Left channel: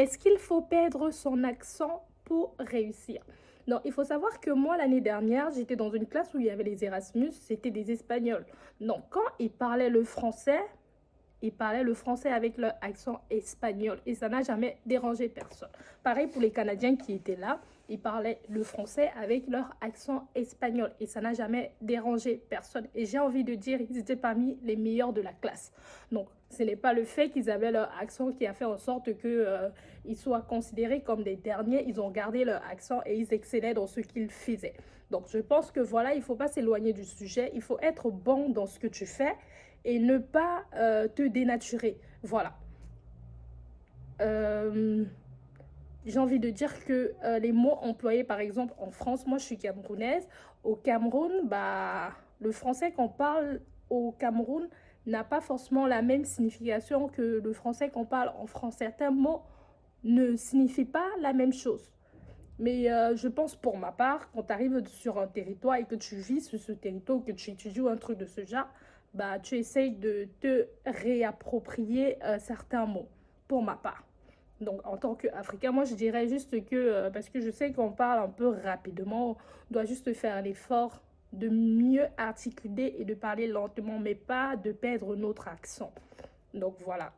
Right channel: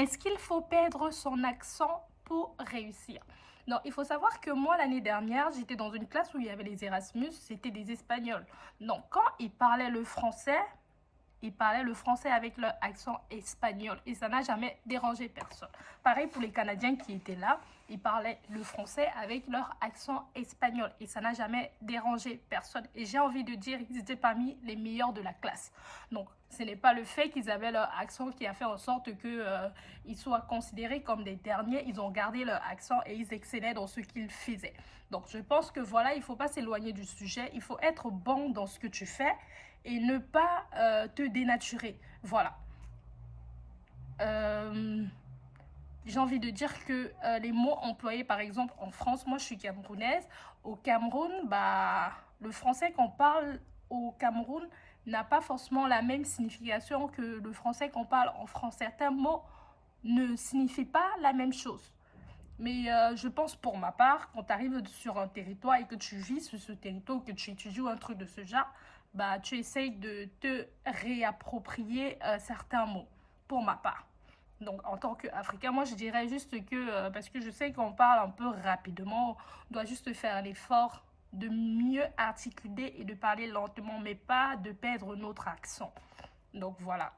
Est-ce qu'il faut perdre son accent pour réussir? Non, il faut savoir que moi, l'année dernière, j'étais dans une classe où il y avait les Erasmus, c'était des Espagnols. Donc, quand ils parlaient le français avec leur accent espagnol et ça n'a jamais dérangé personne. Pareil pour les Canadiens qui étaient là, ils parlaient le français avec leur accent espagnol et ça n'a jamais dérangé personne. Et j'ai envie de dire qu'ils étaient parmi les meilleurs de la classe. Donc, ce n'est pas le fait qu'ils avaient leur accent qui a fait en sorte qu'ils soient considérés comme des derniers. Ils ont gardé leur accent et ils excellaient dans ce qu'ils faisaient. Donc, je pense que voilà, il ne faut pas s'éloigner du sujet. Il faut être bon dans ce que tu fais et ne pas te dénaturer. Voilà. J'ai envie de dire que les mots employés, par exemple, en France, moi je suis camerounaise, au Cameroun, bah, le français qu'on parle au Cameroun n'a pas forcément la même signification que le français qu'on parle en France. Certains mots ne signifient pas la même chose. Mais je pense pour ma part, quand tu arrives sur un territoire et que tu vis sur ce territoire ou que tu étudies un truc de ce genre, bah, tu essayes de te réapproprier certains mots, pour ma part. Donc, en tant qu'Africain, moi, je dirais juste que, parce que je sais qu'on parle un peu rapidement, on doit juste faire l'effort de mieux articuler et de parler lentement, mais pas de perdre notre accent. Donc, voilà.